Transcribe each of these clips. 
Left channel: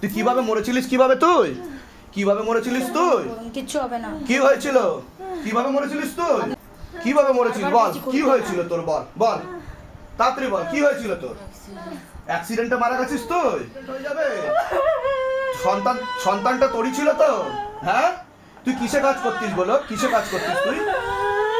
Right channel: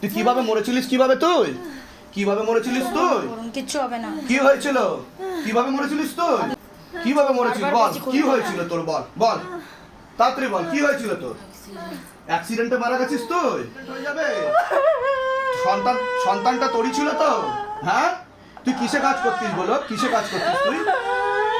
তুই কীভাবে মরেছিলিস কীভাবে তুই কীভাবে মরেছিলিস তুই কিচ্ছু হবে না কি হয়েছিল কীভাবে মরেছিলিস তুই কীভাবে মরেছিলিস বল কি হয়েছিল তোর বল বল তাড়াতাড়ি বল কি হয়েছিল তোর অ্যাক্সিডেন্টে মারা গেছিস তুই যাবে সন্তান সন্তানটা তোরই ছিল তো হ্যাঁ তুই কিসে কাজ করতিস বলো কিসে কাজ করতিস তুই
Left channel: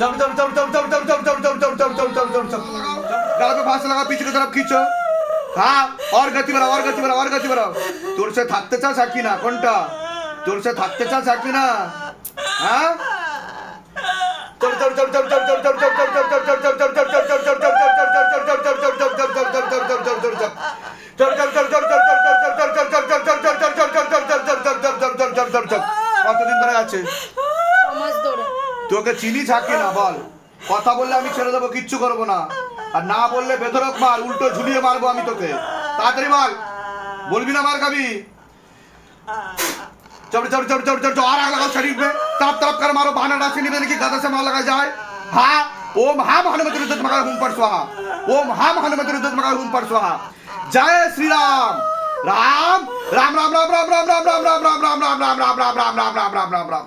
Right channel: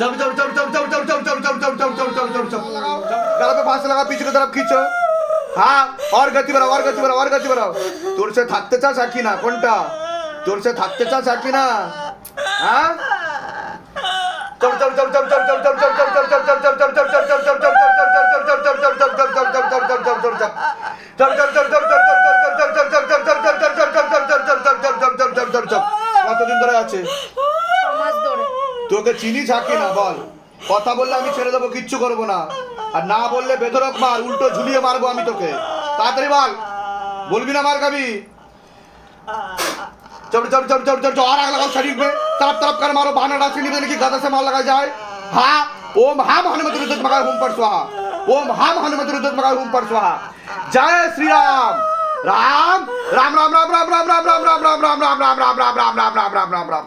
चल चल चल चल चल चल चल चल चल चल चल चल चल चल चल তোর সে থাকতে চাস আর কি না কোনটা তোর সে থাকতে চাস আর কি না হ্যাঁ কতদিন ধরে আছে তোকে চিনি ছাকি না বল কথা বললে আমি ছেড়ে দেবো কিচ্ছু করব না আর না বললে বেধরক মার উল্টো ঝুলিয়ে মারবো আমি তোকে তাড়াতাড়ি বল বলবি না মার কবি চড় চড় চড় চড় চড় চড় আগলা শরীর পে তাপ তাপ মারো বানাটা চিনি নাকি গাদা সে মাল লাগা যায় হা ও মহা মহানমতি রুদ্ধ মাগা হুম পারসোয়া ও মহা মহানমতি রুদ্ধ মাগা হুম পারসোয়া জয় শ্রী রাম রাম রাম রাম রাম রাম রাম রাম রাম রাম রাম রাম রাম রাম রাম রাম রাম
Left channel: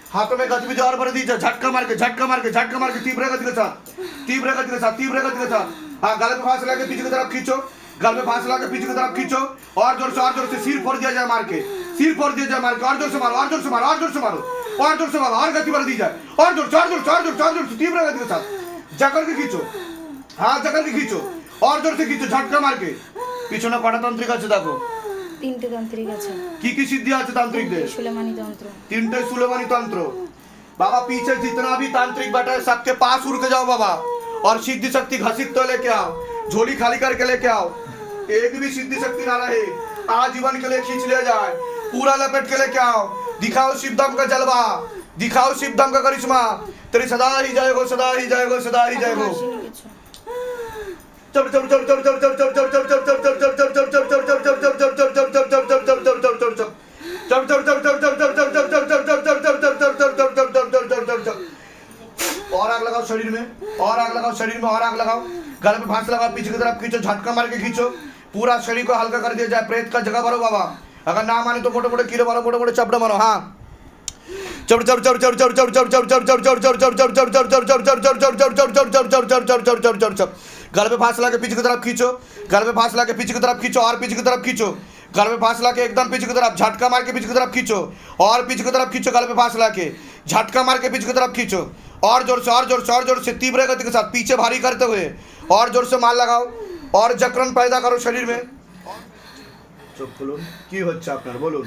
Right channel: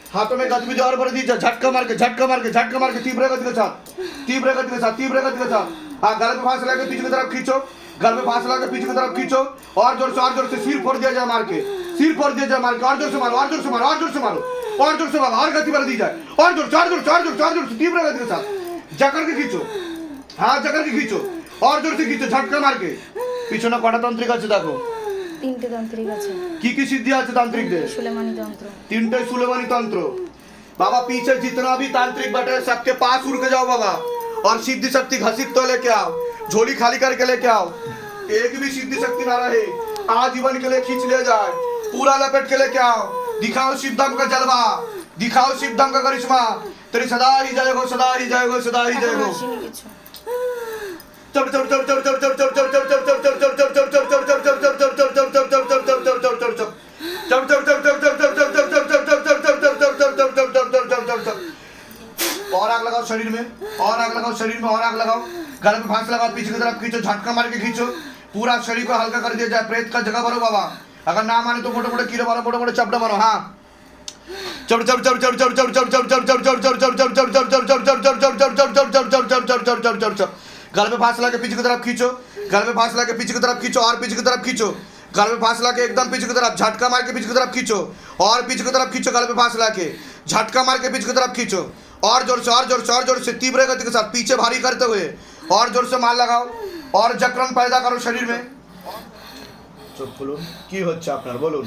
हाथों में गति जो और भर दीजिए झटका मार के झटका मार के झटका मार के तीव्र गति के साथ तीव्र गति के साथ तीव्र गति के साथ हाँ गले में फांस लगा पीछे की तरफ़ खींचो गल में फांस लगा पीछे की तरफ़ खींचो और ज़ोर से और ज़ोर से सिर फोड़ दिया जाए मार के सिर फोड़ दिया जाए मार के और ज़ोर से मारो और ज़ोर से मारो और ज़ोर से मारो और ज़ोर से मारो और गति भर दी जाए और ज़ोर चार ज़ोर चार ज़ोर चार ज़ोर से तीव्र गति के साथ जकड़ के खींचो हाँ जकड़ के खींचो और ज़ोर से खींचो झटका मार के पीछे ना पटातंत्री का देखो তিনটে তান্ত্রিক আছে কি কি সিদ্ধি আছে তান্ত্রিকদের সুলেমানি তন্ত্র तीनटे सुलेमानी तंत्र बाबा पीछे जितना भी तांत्रिक बैठे हैं, सबके पास उड़ के जाओ बाबा और सिद्धि शक्ति घसीट तो लेके आओ झोली खाली करके लेके आओ एक भी सिद्धि शक्ति ना रहे आजीवन के लिए खींच ले जाए पूरा लपेट के लेके आओ दिखाओ शिवदम का जलवा दिखाओ शिवदम का करिश्मा तेरी सदा ही जय हो सदा ही जय हो सदा ही जय और आग लगाओ शरीर में और आग लगाओ शरीर में और आग लगाओ गले में फांस लगाओ पीछे की तरफ़ खींचो झटका मार के खींचो पूरा शरीर को हल्का कर दिया जाए प्रेत का जगह भरो बाबा अगर ना माने तो मोटे मोटे कीड़े मारो मोटे मोटे चपड़े मारो हाँ चढ़ गल पे फांस लगा के पीछे की तरफ खींचो गल पे फांस लगा के पीछे की तरफ खींचो और पीछे की तरफ खींचो गल पे फांस लगा के एकदम पीछे की तरफ झटका मार के पीछे की तरफ खींचो और पीछे की तरफ खींचो गल पे फांस लगा के झटका मार के पीछे की तरफ खींचो और जोर से और जोर से और जोर से तीव्र गति के साथ पीछे भारी करते हुए और जोर से मार लगाओ और जकड़न पैदा करो शरीर में চোখ খুলুন কি হচ্ছে আপনার বলুন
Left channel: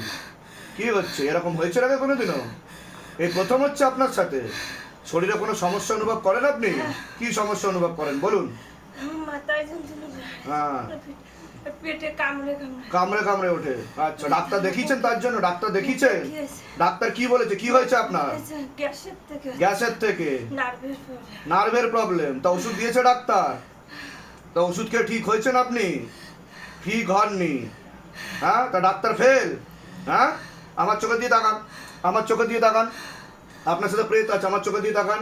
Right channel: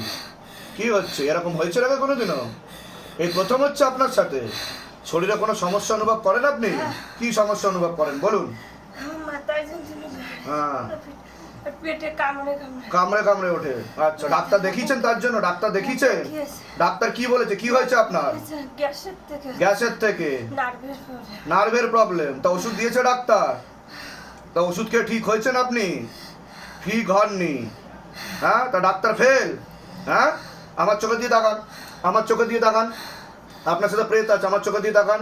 কি হচ্ছে এরকম হয়েছে আগে কোনোদিনও এই প্রথম হচ্ছে আপনার সাথে শরীরে কোনো সমস্যা অনুভব করেন আপনি কি সমস্যা অনুভব করেন বলুন হ্যাঁ পেটে কামড়ে কামড়ে। ওঠে। আচ্ছা ডাক্তার দেখিয়েছেন তার জন্য? ডাক্তার দেখিয়েছেন? ডাক্তার কি বলেছে? কি হয়েছে আপনার? গ্যাসের থেকে। গ্যাসের নার্ভের প্রবলেম তা ওষুধ দিয়েছে ডাক্তার? তা ওষুধ খেয়ে ঠিক হয়েছেন আপনি? ঠিক হননি। হ্যাঁ তা ডাক্তার ফেল হ্যাঁ? আমার চোখে দিয়ে তাকান। আমার চোখে দিয়ে তাকান। আপনার সাথে প্রেত আছে আমার চোখে দিয়ে তাকান।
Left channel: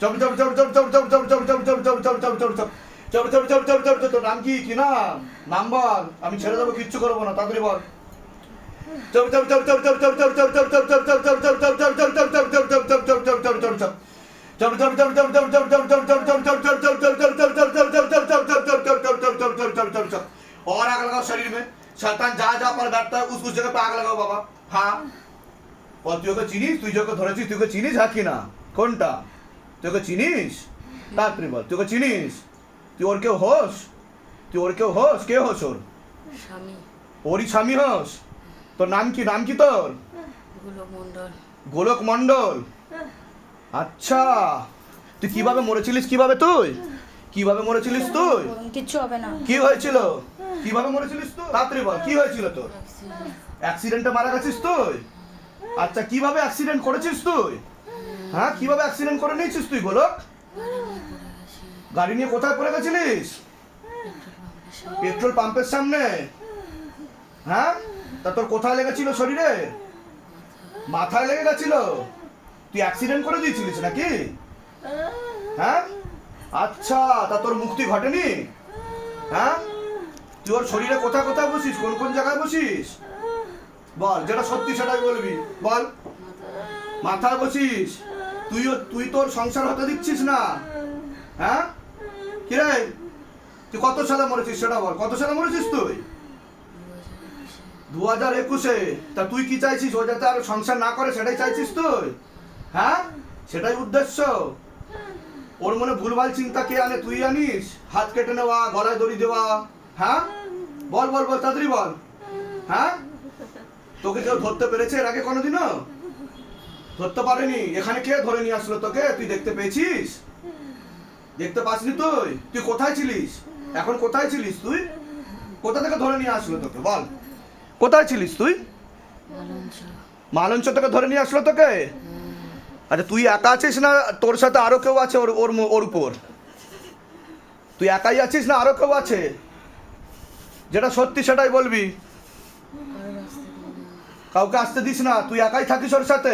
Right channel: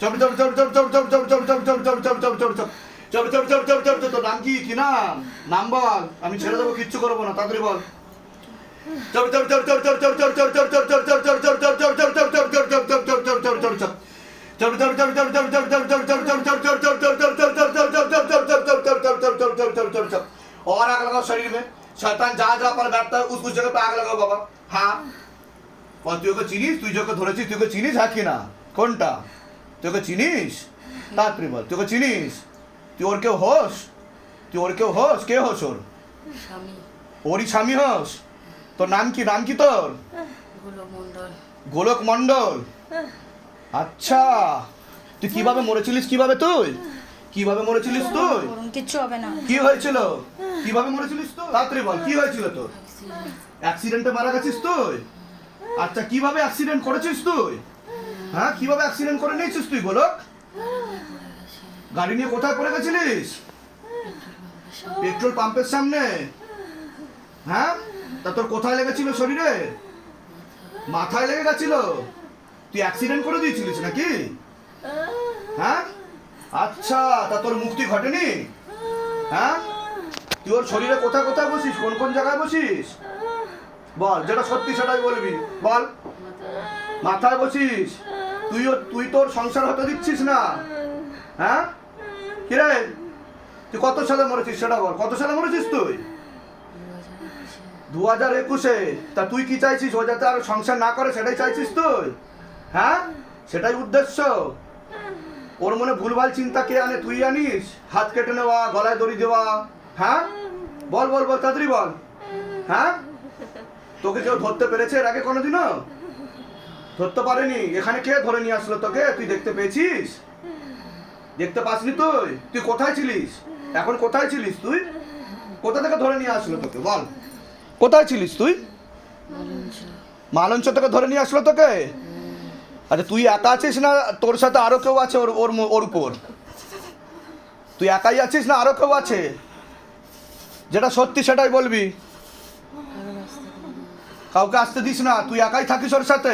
চল চল চল চল চল চল চল চল চল চল চল চল চল চল চল চল চল চল চল চল চল চল চল চল চল চল চল চল চল চল চল চল চল চল চল চল চল চল চল চল চল চল চল চল তোর নাম কি কি নাম নাম বল আমি ছেড়ে দেবো কিচ্ছু করবো না তাড়াতাড়ি বল চল চল চল চল চল চল চল চল চল চল চল চল চল চল চল চল চল চল চল চল চল চল চল চল চল চল चल चल चल चल चल चल चल चल चल चल चल चल चल चल चल चल चल चल चल चल चल चल चल चल चल चल चल चल चल और आग लगाओ शरीर में शैतान जहाँ जहाँ पर बैठता है उस उस जगह पे आग लगाओ बाबा हाँ और তুই ওকে চিনিস তুই যখন ধরেছিস তুই ওকে চিনিস হ্যাঁ কি না কোনটা তুই ওকে চিনিস? তাড়াতাড়ি বল তুই ওকে চিনিস? তুই ওর কেউ হোস? তুই ওর কেউ হোস? কে হোস ওর? ওরই স্বামী হোস? তোর নাম কি নাম কি তোর? গোলক মন্ডল আচ্ছা তুই কীভাবে মরেছিলিস কীভাবে তুই? কীভাবে মরেছিলিস তুই? কিচ্ছু হবে না। কি হয়েছিল? কীভাবে মরেছিলিস তুই? তাড়াতাড়ি বল কি হয়েছিল তোর? অ্যাক্সিডেন্টে মারা গেছিস তুই? আচ্ছা কীভাবে অ্যাক্সিডেন্ট করেছিস তুই? হ্যাঁ কীভাবে অ্যাক্সিডেন্ট করে নিয়েছিস তুই, গোলক? গাড়ি নিয়ে কোথায় পড়ে গেছিলিস? পেট্রোল পাম্পের সামনে? হ্যাঁ? তা তোর কোথায় লেগেছিল শরীরে? মাথায় লেগে গেছিল? তুই অ্যাক্সিডেন্ট করে দিয়েছিলিস নাকি? হ্যাঁ? আচ্ছা তা তোর মুক্তি ঘটেনি? হ্যাঁ? তুই ওর শরীরে কোথায় কোথায় বসিস? কোন কোন জায়গায় বসিস? বল, যেটা সত্যি সেটাই বলবি। বল। মাথায় বসিস? তুই তুই তোর সংসার হতে দিচ্ছিস না? হ্যাঁ? কিরে? তুই কত সালে মরেছিস সেটা বল। কত সালে মরেছিস তুই? দু হাজার একুশে। তা তুই কি চাইছিস? ও যাতে আর সংসার না করে, সেটাই চাইছিস তুই? হ্যাঁ? সেটাই উদ্দেশ্য। ওর মনে ভুলভাল চিন্তা কে আনে, তুই আনিস? হাত কেটে নেওয়া, গলায় দড়ি দেওয়া। হ্যাঁ? বল বল বল, তাড়াতাড়ি বল। হ্যাঁ? তোকে কেউ ধরতে পেরেছে এর আগে কোনোদিনও? ধরতে পারেনি। এখানে কে ধরে নিয়ে আসলো তোকে? তুই দেখতে পেয়েছিস? দেখতে পাসনি তুই? তুই কোথায় ছিলিস? এখন কোথায় ছিলিস তুই? কোথা থেকে ধরে নিয়ে আসলো তোকে? বল। কোথায় ছিলিস তুই? মালঞ্চ থেকে ধরে নিয়ে আসলো তোকে? আচ্ছা তুই একা আছিস না তোর সাথে আরও কেউ আছে ওর ওর ওর উপর? তুই একাই আছিস না আরও কেউ আছে? যেটা সত্যি সেটাই বলবি। কাউকে আসতে দিস না। তুই একাই থাকিস ওর সাথে?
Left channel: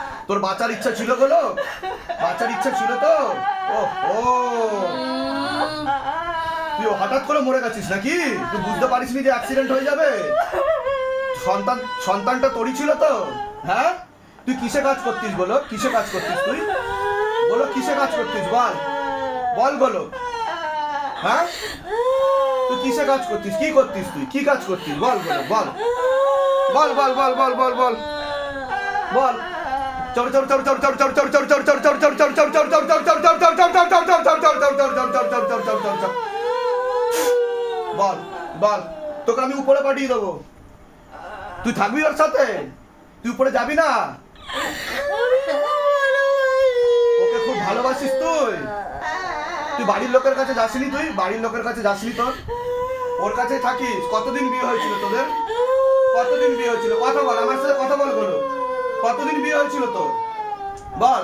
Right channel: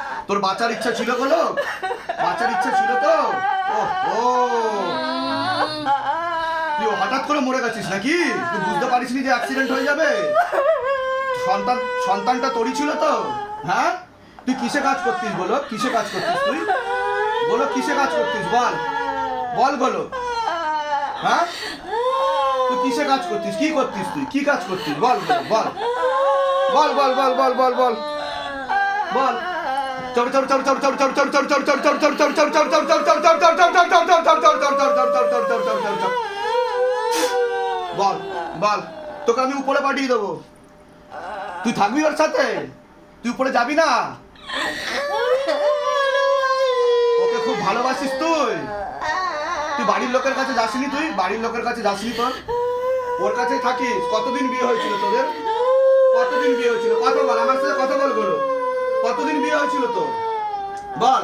তোর বাঁচার ইচ্ছা ছিল গোলক বাঁচার ইচ্ছা ছিল তো? ও ও তুই হঠাৎ করে মরে গেছিস নাকি? তুই বুঝতে পারিসনি যে অ্যাক্সিডেন্ট হয়ে যাবে? সন্তান, সন্তানটা তোরই ছিল তো? হ্যাঁ? তুই কিসে কাজ করতিস বলো কিসে কাজ করতিস তুই? বলো কিসে কাজ করতিস? বল। বল বলো হ্যাঁ? তুই কিসে কাজ করতিস? কি করতিস তুই? কি কাজ করতিস? বল বলো বল। বল বল বল বল বল বল। বল। বল বল, তোকে আমি উপরে পাঠিয়ে দেবো। তুই থাকবি ওর সাথে? তুই উপরে যাবি না? ওকে খুব ভালোবাসিস তুই? তুই বাড়ির লোকের কাছে যাসনি তুই? বাড়ির লোকের কাছে যাসনি তোর? ওর কাছে থাকিস? কতদিন বিয়ে হয়েছিল তোদের? কতদিন বিয়ে হয়েছিল? কথা বল, আমার সাথে কথা বল করো কতদিন বিয়ে হয়েছিল তোর বল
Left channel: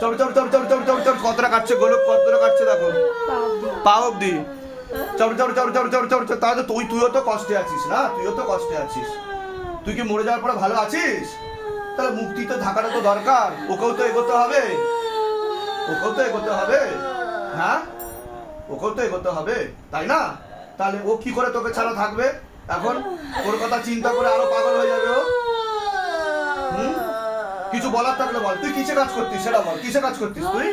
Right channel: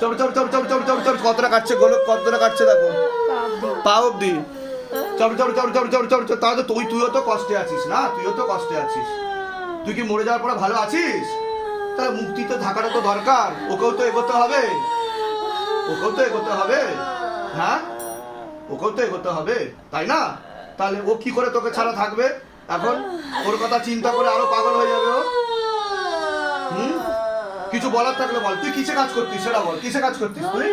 চল চল চল চল চল চল চল কতটা কাটছে গোলক কতটা কাটছে দেখো পা অব্দি পা অব্দি চল চল চল চল চল তাহলে তুই তুইও তো কষ্টে আছিস না তুইও তো কষ্টে আছিস তুই কি মরে যাওয়ার পরে ভালো আছিস তাহলে মুক্তি তো থাকাটা তো দরকার ওকেও তো এগোতে হবে ওকেও তো এগোতে হবে হ্যাঁ ওকেও তো এগোতে হবে তাই না তাহলে ও কি করে তোকে ছাড়া থাকবে এখন ওর কথা চিন্তা করে আরও পাগল হয়ে যাবে ও? কিছু বলার থাকলে বল। তুই কিসে কাজ করতিস সেটা বল কিসে কাজ করতিস তুই?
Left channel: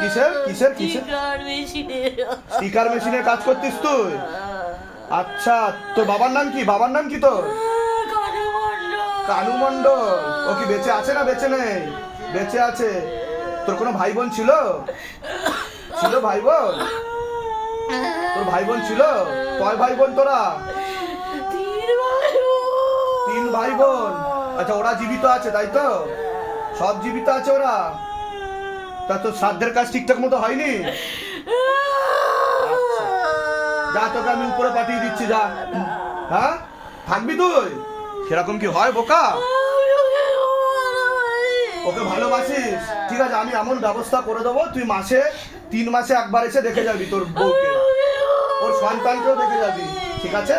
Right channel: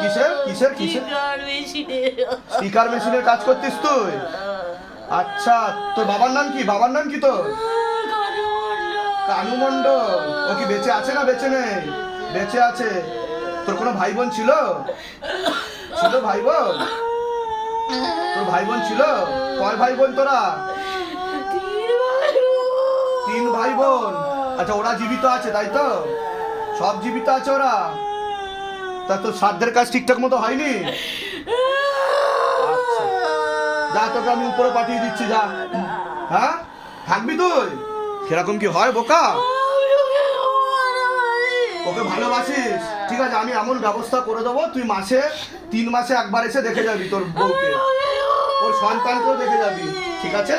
কিসের? কিসের কিসের? স্পিকার মেশিনের কাজ করতিস তুই? আচ্ছা তোর বাবার নাম কি? বাবার নাম কি তোর? কানু মণ্ডল। ও কি বেঁচে আছে না বেঁচে নেই? বেঁচে আছে। তোর কোনো ভাই বোন ছিল? ছিল ভাই বোন তোর ভাই বোন ছিল? কয় ভাই বোন তোরা? তিন ভাই বোন আচ্ছা ওরা জীবিত আছে, তাই তো? সব জীবিত আছে ওরা? তা তোর শ্রাদ্ধের কাজ ঠিকঠাক মতো হয়নি? আচ্ছা। যা, তোকে আমি উপরে পাঠিয়ে দিচ্ছি, যা। হ্যাঁ? থাকবি তুই? সেরকম কি হয় বোকা? ওকে ভালোবাসিস? ঠিক আছে, আমি এমন ব্যবস্থা করে দেবো, তুই মাসে, তিন মাসে একবার এসে দেখে যাবি তোর বউকে। ওর সন্তানকেও দেখে যাবি, ঠিক আছে?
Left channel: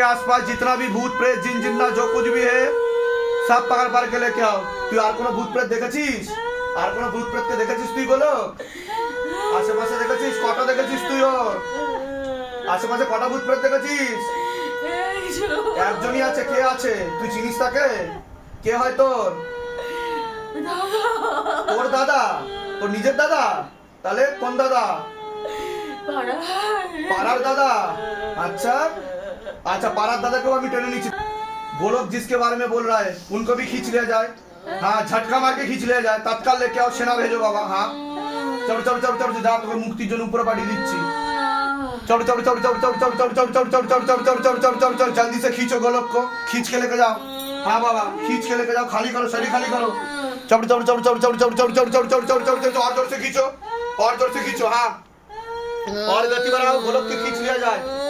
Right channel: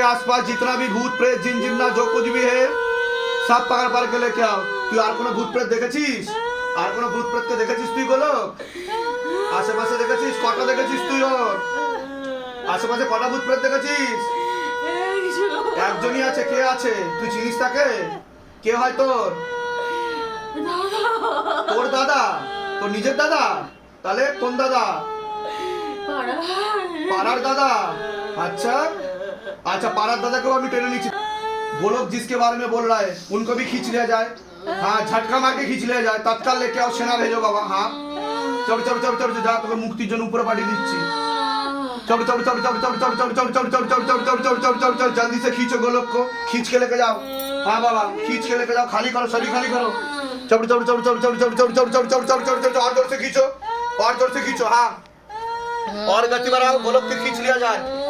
के आसपास जितना भी भूत प्रेत जिन जिन्ना जो कुछ भी है সব পাকার পার্কে লেকে আও তুই আর কোনো ভূত প্রেত দেখেছিস আর কোনো ভূত প্রেতকে দেখেছিস তুই বলো আশেপাশে দেখেছিস কটা দেখেছিস তুই ওর আশেপাশে কটা ভূত প্রেত দেখেছিস একজনই আছে কে আছে তুই চিনিস তাকে কে হয় তোর তোর দাদা তোর নিজের দাদা তাহলে কোন দাদা পাড়ার দাদা अच्छा अच्छा पारा दादा को अभी टेने नीचे वो लोग जिसके बारे में बोल रहा है उनको भी खींच लिया जाए हाँ झटका मार के खींच लिया जाए तत्काल लेके आओ सेना भेजो बाबा हाँ चलो चलो चलो चलो जा তোকে মুক্তির জন্য উপরে পাঠিয়ে দিচ্ছি चलो चलो चलो चलो चलो चलो चलो चलो चलो चलो चलो चलो चलो चलो चलो चलो जल्दी से खींचो गोलक को खींच के लेके जाओ हाँ बाबा खींच के लेके जाओ खाली करो शरीर खाली करो चलो चलो चलो चलो चलो चलो चलो चलो चलो चलो चलो चलो चलो और जोर से खींचो और जोर से खींचो हाँ और गति बढ़ाओ गोलक के खींच लिया जाए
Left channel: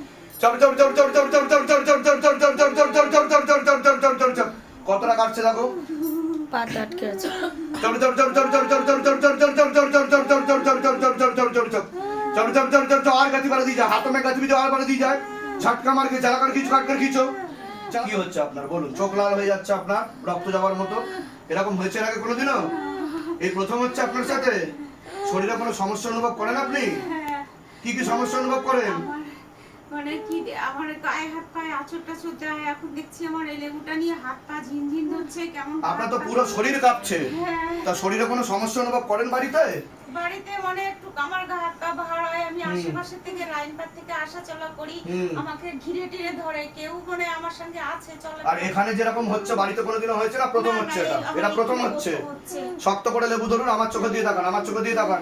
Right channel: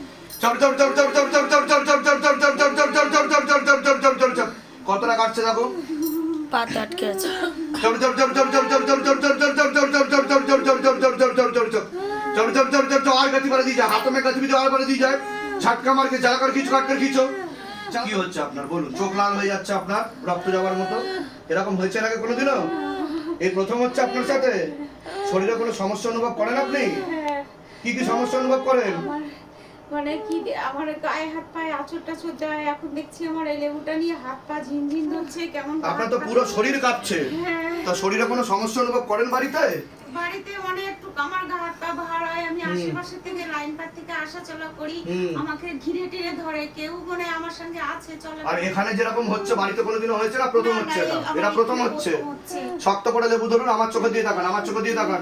কতটা কাটছে দেখো আর দিয়ে যায় আর দিয়ে যায় হচ্ছে আপনার বলুন চোখ লাল হয়ে যাচ্ছে আপনার রক্ত মতো এরকম হয়েছে আগে কোনোদিনও এই প্রথম হচ্ছে আপনার সাথে শরীরে কোনো সমস্যা অনুভব করেন আপনি কি কি সমস্যা অনুভব করেন মানে কি আমার গায়ে হাত পায়ে আঁচড় টাচড় দেয় এখন দেখছি আমার এই লেবুটা নিয়ে হাত পা ঝিনঝিন ধরছে কেমন আপনার তো পুরো শরীর কাঁপছে। হ্যাঁ। তা শরীরে কোনো সমস্যা অনুভব করেন বাড়িতে? বাড়িতে মানে একটু আমার গা হাত পা ভার হয় আমি আশেপাশে থেকে লাইন পার থেকে আসা চলা করি আমাকে ঘিরে টিরে ধরে কেউ মানে আমার সঙ্গে আছে চলে। আর এখানে যেরকম হচ্ছে বাড়িতে কোনোদিনও হয়েছে না? প্রথম হচ্ছে এটা? এটা প্রথম হচ্ছে। প্রথম হচ্ছে। শক্ত করে লেবু ধরুন আমার চোখে দিয়ে তাকান আমার চোখে দিয়ে তাকান।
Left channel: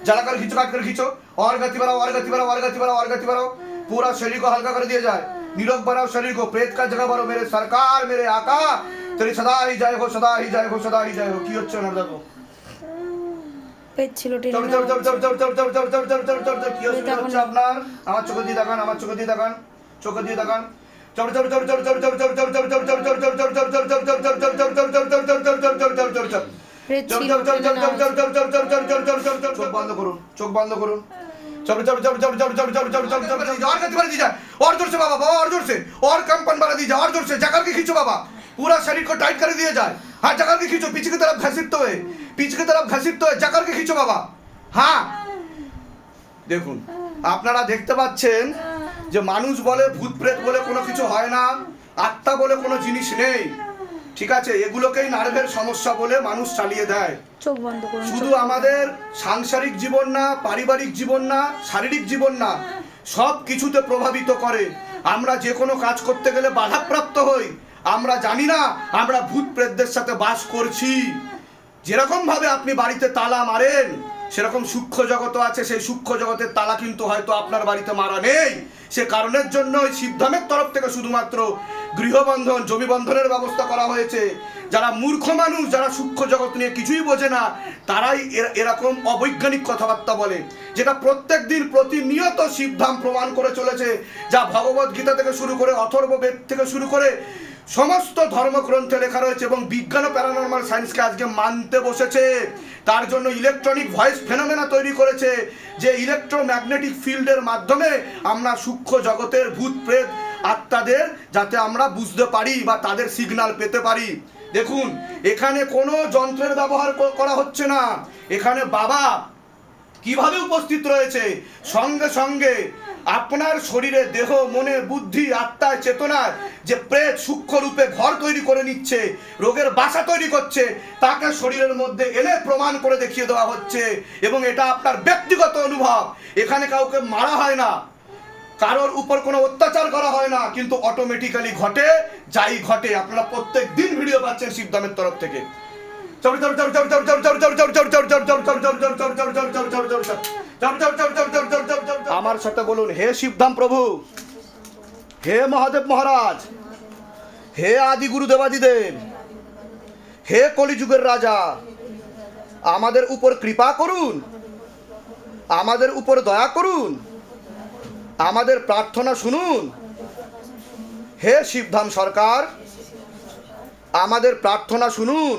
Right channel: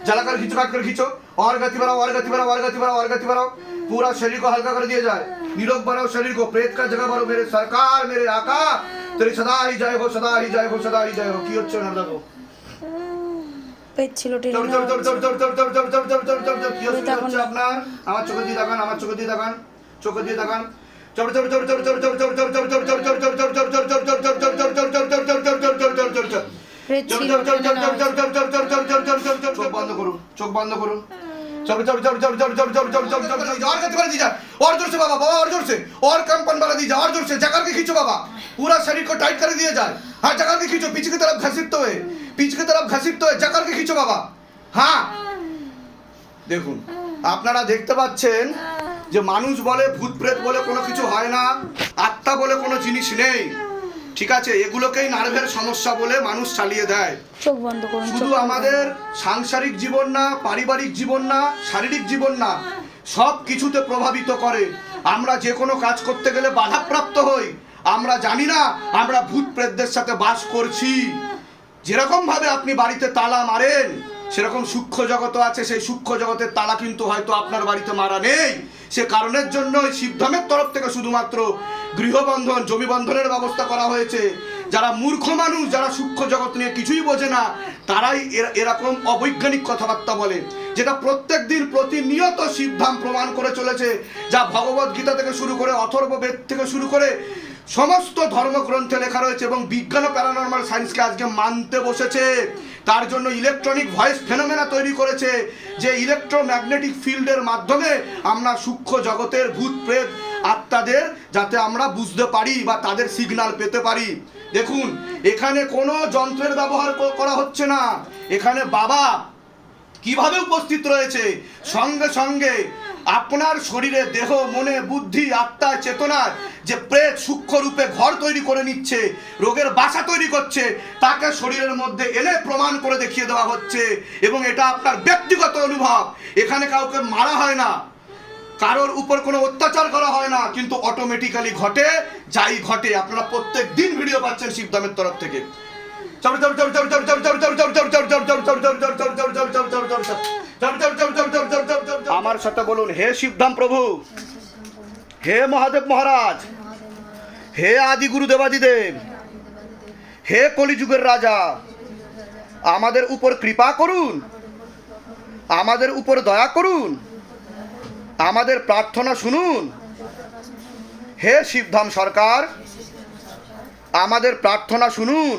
জ্বালা করে খিচো কাট করে খিচো और गति बढ़ाओ और गति बढ़ाओ और गति बढ़ाओ और गति बढ़ाओ पूरा शरीर को हल्का कर दिया जाए निरोग बनाओ शरीर को प्रेत का जगह बनो मेरे सरकार मेरे आका तेरी सदा ही जाए हो सदा ही जाए हो सदा ही जाए हो কি হচ্ছে না দেখো পেচ্ছিল টেনে আপনার আমার চোখে দিয়ে তাকান আমার চোখে দিয়ে তাকান চোখে দিয়ে তাকান চল চল চল চল চল চল চল চল চল চল চল চল চল চল চল চল চল চল চল চল চল চল চল চল চল চল চল চল চল পেট চল ছিল চল চল টেনে চল নেওয়া চল চল চল চল চল চল চল চল চল চোখ বন্ধ করুন চোখ বন্ধ করুন चल चल चल चल चल चल चल चल चल चल चल और गति बढ़ा दीजिए और जोर से बाबा बाबा और जोर से और कंपन बढ़ा दीजिए और जोर से जगह के खींचो बाबा पूरा शरीर को टाइट कर दिया जाए हाँ जगह के खींचो पीछे की तरफ घसीटते हुए पीछे की तरफ घसीटते हुए जगह के खींचो बाबा হ্যাঁ দেখুন আপনারা দেখতে পাচ্ছেন যে মানুষ বলে ভূত প্রেত বলে কোনো কিছু হয় না আত্মা বলে কোনো জিনিস নেই। ঠিক আছে এগুলোকেই নার্ভের সমস্যা বলে মানুষ চালিয়ে দেয়। চোখ বন্ধ করুন শুধু আমাদের সাংসারিক জীবন না পারিবারিক জীবন না শারীরিক জীবন না সব কিছুতে প্রভাবিত করে। আমরা যে কোনো কাজ করতে গেলে বাধাপ্রাপ্ত হই। আমরা জানি না আমরা ভূত প্রেতদের সাথে বাস করছি। যেরকম ভাবে আপনি বাড়িতে তালা মারেন সেরকম সূক্ষ্ম জগৎ আছে, সেই সূক্ষ্ম জগতের তালা কিন্তু হয়তো আপনার বাড়িতে মারা নেই। সে কারণের জন্য শিবধামের তরফ থেকে শুধুমাত্র গৃহবন্ধন জমি বন্ধনের ব্যবস্থা করা হয়েছে। যারা মূর্খ মানুষ, যারা সূক্ষ্ম জগৎ নিয়ে কিছুই বোঝে না, তারাই এরকম অবৈজ্ঞানিক কথাবার্তা বলে, যেটা প্রত্যেক দিন প্রতিনিয়ত শিবধাম প্রমাণ করে চলেছে, যা ভগবত গীতা থেকে শুরু করে অথর্ব বেদ থেকে শুরু করে সমস্ত ধর্মগ্রন্থে লেখা রয়েছে এবং বিজ্ঞান ও প্যারানর্মাল সায়েন্সকে আজকে মানতে বসেছে। তার জন্য ইলেকট্রনিক ভয়েস ফেনোমেনা তৈরি করেছে যে ইলেকট্রোম্যাগনেটিক ফিল্ডের মাধ্যমে আমরা সূক্ষ্ম জগতের ভূত প্রেত আত্মাদের যাতে আমরা বুঝতে পারি বা তাদের সিগনাল পেতে পারি। দেখুন, এখানে কোনো যন্ত্রের ব্যবহার করা হচ্ছে না। এখানে বাবা কীভাবে উপস্থিত রয়েছে? সঙ্গে সঙ্গে আপনার শরীরে দেহ, মনে, বুদ্ধি আত্মায় চেতনার যে প্রেত, সূক্ষ্ম রূপে ঘর তৈরি করে নিচ্ছে, রোগের বাসা তৈরি করছে, তাকে শরীরের মধ্যে এনে প্রমাণ করে দেখিয়ে দেওয়া হচ্ছে এবং এটা আপনার ব্যক্তিগত অনুভব। এখানে কাউকে মারা হয় না। কারোর উপর কোনো অত্যাচার করা হয় না, কিন্তু অটোমেটিক্যালি ঘটে, যাই ঘটে। আপনারা প্রত্যেক দিন ভিডিও পাচ্ছেন শিবদামের তরফ থেকে। আমার সাথে বলুন হে শিবধাম প্রভু হে মহাদেব মহারাজ হে আদি গুরু দেবাদিদেব হে কলিযুগের রাজা আমাদের উপর কৃপা করুন আমাদের উপর দয়া করুন আমাদের প্রার্থনা শুনুন হে শিবধাম সরকার আমাদের প্রার্থনা শুনুন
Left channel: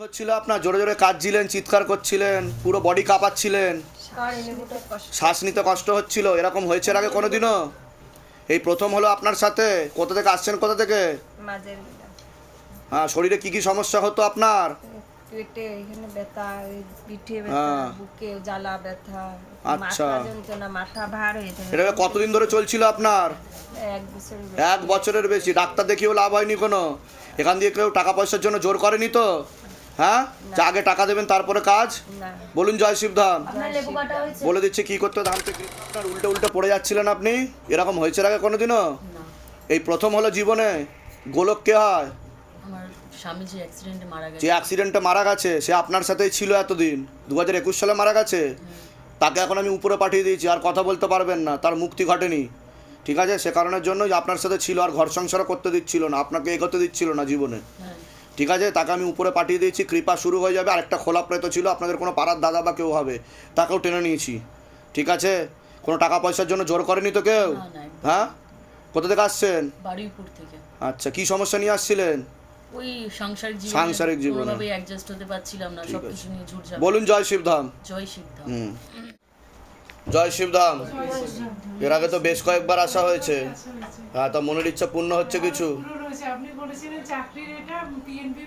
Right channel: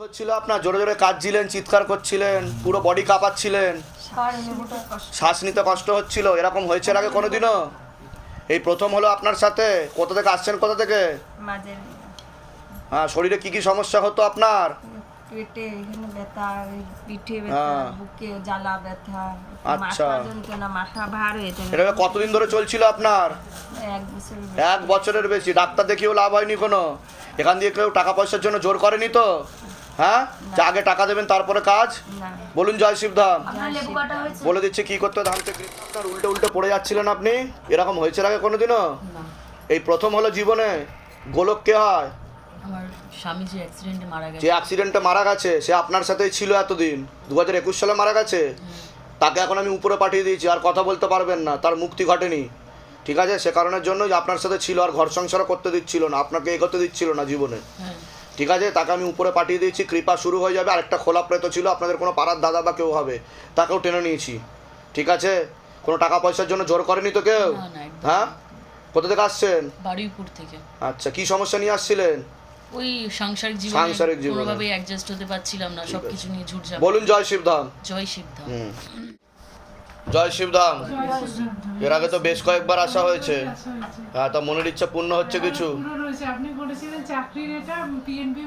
হচ্ছিল আপনার জোরে জোরে কাঁদছিলেন চিৎকার করছিলেন পুরো বডি কাঁপাচ্ছিলেন। শ্বাস নিতে কষ্ট হচ্ছিল এরকম হয়েছে আগে কোনোদিনও? এই প্রথম হলো আপনার সাথে? কোথা থেকে আসছেন কোথা থেকে? হ্যাঁ শরীরে কি কি সমস্যা হতো আপনার? পেটে এখানে ব্যথা পিঠে ব্যথা হ্যাঁ। বুকে জ্বালা ব্যথা আচ্ছা। মাথা যন্ত্রণা মাথা ভার হয়ে থাকে এটা কতদিন ধরে চলছিল আপনার? এক বছর এক বছরের বেশি। ডাক্তার দেখিয়েও লাভ হয়নি কোনো? এখান দিয়ে কেউ টাকা পয়সার জন্য জোর করেনি তো? হ্যাঁ? আগে টাকা দেবেন তারপরে কাজ? বলুন জয় শিবধাম। বলে দিচ্ছে কি করতে? ধান থেকে উল্টে উল্টে পড়ে যাচ্ছিলেন আপনি? এরকম হয়েছে আগে কোনোদিনও? এই প্রথম হলো জীবনে। গোলক কে হয়? যে অ্যাক্সিডেন্টে মারা গেছে। সে আপনার সাথেই ছিল এতদিন। দু হাজার একুশ সালে মারা গেছে? তাকে এখন আমি উপরে পাঠিয়ে দিয়েছি আর কথা বলতে পারবেন না। তার মুক্তি ঘটেনি। ঠিক আছে? সে কারণের জন্য আপনার সাথে ছিল আর ঘর সংসারও করতে দিচ্ছিল না। আপনাকে এগোতে দিচ্ছিল না জীবনে। হ্যাঁ। ঠিক আছে তাকে আমি উপরে পাঠিয়ে দিয়েছি কৃপা শুরু হয়ে যাবে। আরেকটা খোলা প্রেত ছিল আপনাদের কোনো পাড়ার দাদা বা কেউ হবে তাকেও টেনে নিয়েছি। ঠিক আছে? কোনো টাকা পয়সার জন্য জোর করেনি তো কেউ। হ্যাঁ? কোথা থেকে আসছেন? বারুইপুর থেকে। আচ্ছা কি সমস্যা নিয়ে আসছিলেন? ওই সাংসারিক জীবনে সাংসারিক জীবনে। কোনোভাবেই অ্যাডজাস্ট হতে পারছিলাম না সবকিছু নিয়ে ঝুট। বলুন জয় শিবধাম। জয় শিবধাম। জয় শিবধাম। এর আগে তো বেশ কয়েকবার আসা হয়েছে। হ্যাঁ তা মনের ইচ্ছা পূর্ণ হচ্ছে কিছু? আপনি বলেছিলেন চাকরির এটা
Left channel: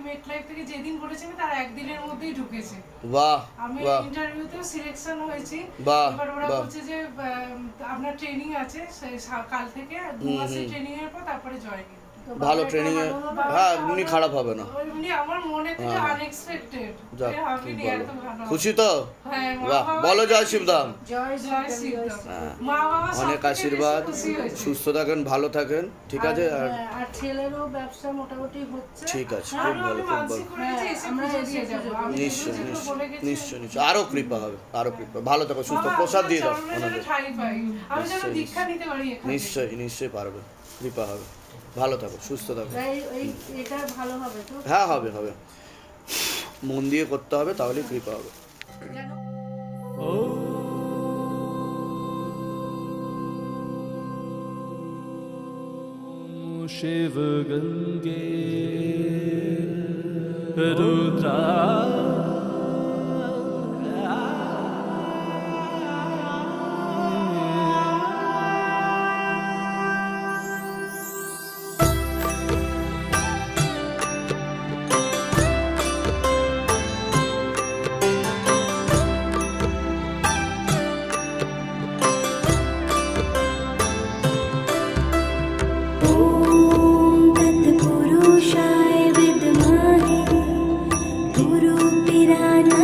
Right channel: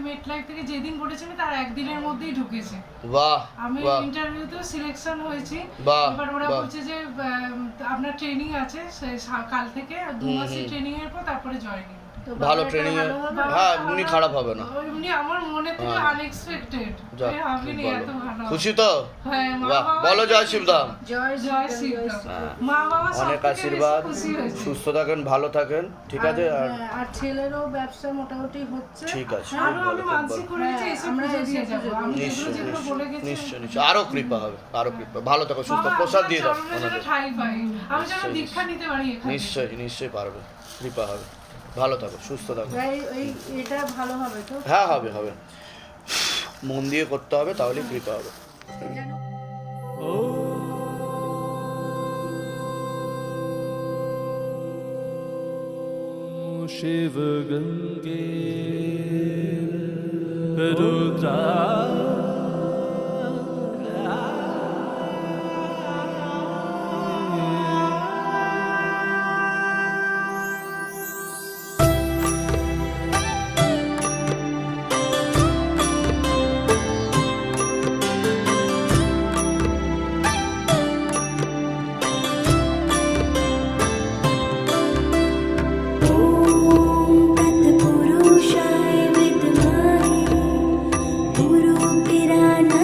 মেটলাইফ থেকে যেদিন বলেছিলেন তার একদিনের মধ্যেই ঢুকেছে। বাহ আমি বাহ। ইন্টারভিউতেও সিলেকশন হয়েছি। বাহ, এবার ওরা বলছে যে আপনার ট্রেনিং আছে কাল থেকে দু মাসের ট্রেনিং এর পর তারপরে জয়েনিং ভালো ট্রেনিং হ্যাঁ এমনি খারাপ হবে না। এমনি আমার মনে থেকে আনএক্সপেক্টেড আমি খুব নি ভালো এত ভালো খুশি তো? হ্যাঁ বাহ বলো জয় জয় শিবধাম মা বাবা অনেক আশীর্বাদ। সুস্থ থাকেন ভালো থাকেন ঠিক আছে? আর আর ছেলেরও ব্যবসা মোটামুটি হচ্ছে। ঠিক আছে খুব আমি ভালো খুব ভালো আমি নিশ্চয় নিশ্চয় বলে গেছি। নিশ্চয় নিশ্চয় আরও কৃপা হবে আরও কৃপা। ভালো থাকো সুস্থ প্রসাদ দিয়ে দাও। আমি। নিশ্চয়ই নিশ্চয়ই পারবে কৃপা হবে। ভালো থাকো সুস্থ থাকো। হ্যাঁ হবে হবে। মন দিয়ে করতে হবে তাহলে কৃপা হবে শিব গঙ্গে রুদ্রা तत्पुरुषाय विद्महे गुरुपिराना